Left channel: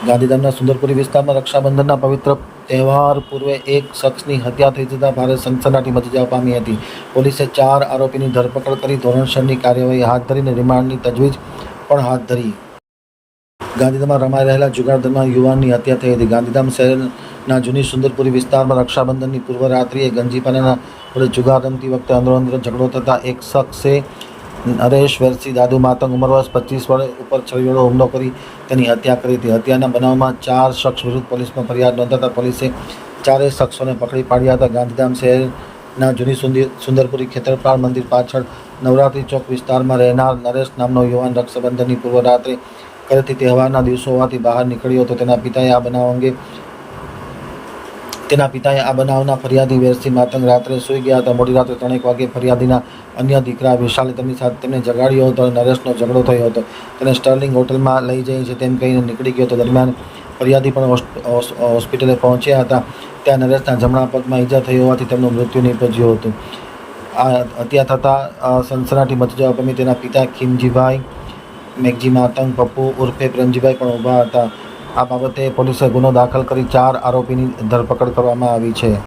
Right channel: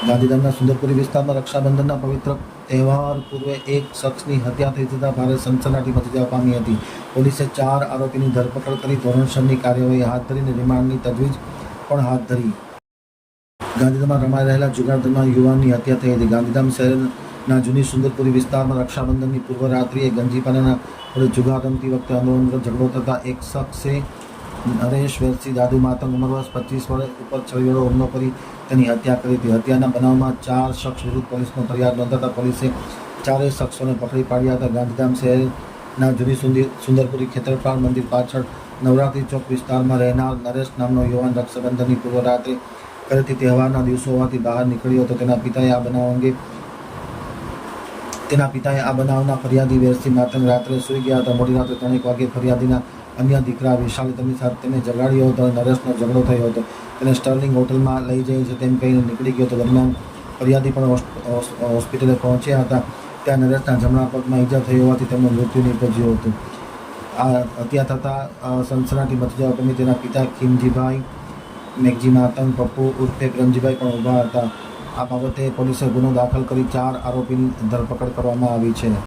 ગાંધીધામના સુંદરપુરી વિસ્તારમાં રક્ષાબંધનના પવિત્ર તહેવાર પૂર્વે એક શખ્સની હત્યા થઈ જતાં ભારે સનસનાટી મચી જવા પામી હતી. પોલીસે ચાર આરોપીની ધરપકડ કરી ધોરણસરની કાર્યવાહી હાથ ધરીને રિમાન્ડની તજવીજ પણ હાથ ધરી. ગાંધીધામમાં રમાઈ રહેલા જુગારધરમાં યુવાનની હત્યા થઈ હતી. ગાંધીધામ શહેરના જૂની સુંદરપુરી વિસ્તારમાં રક્ષાબંધનની પૂર્વ રાત્રિએ ગંજીપાનાના જુગાર રમતી વખતે અંદરોઅંદર ઝઘડો થતાં એક શખ્સે નરેશ વેરસી દાદુ, માતંગ ઉંમર વર્ષ પચીસ વર્ષ ઉપર છરી હુમલો કરી તેની હત્યા કરી હતી. હત્યાના બનાવમાં ચાર શખ્સ વિરુદ્ધ પોલીસમાં ફરિયાદ નોંધાતા પોલીસે ચારેય શખ્સોને પકડી પાડ્યા હતા. ગાંધીધામ શહેરના જૂની સુંદર સુંદરપુરી ખેતરપાળ મંદિર પાછળ નવરાત્રી ચોક વિસ્તારમાં રહેનાર નરેશ નામનો યુવાન રક્ષાબંધનની પૂર્વ રાત્રે ઘરેથી તહેવારના દિવસો હોવાથી બહાર નીકળ્યો હતો. તેના પિતાએ આ બનાવ અંગે તેના પિતાએ આ બનાવના ફરિયાદી વેરસી માતંગ રાત્રે સૂઈ ગયા હતા. મોડી રાત્રે ત્રણેક વાગે ફરિયાદીના અન્ય દીકરા વિશાલે તેમની સાથે તેમને જગાડ્યો હતો અને નરેશનો ઝઘડો થયો હતો. તેને સ્ટર્લિંગ હોટલમાં લઈ જાય છે તેમ કહીને નીકળી ગયો હતો. દરમિયાન ફરિયાદી પણ હોસ્પિટલે પહોંચ્યા હતા. ત્યાં નરેશના જમણા પગમાં ઈજા થઈ હોવાથી તેમનું મૃત્યુ નીપજ્યું હતું. આ હત્યા થતાં સનસનાટી મચી જવા પામી તેના પિતા ખીમજીભાઈ, મેઘજી માતંગ, પપ્પુ ઉર્ફે પ્રેમજીભાઈ પણ ઊભા હતા. આ બાબતે પોલીસે ગુનો દાખલ કરી ચાર આરોપીની ધરપકડ કરવામાં આવી છે.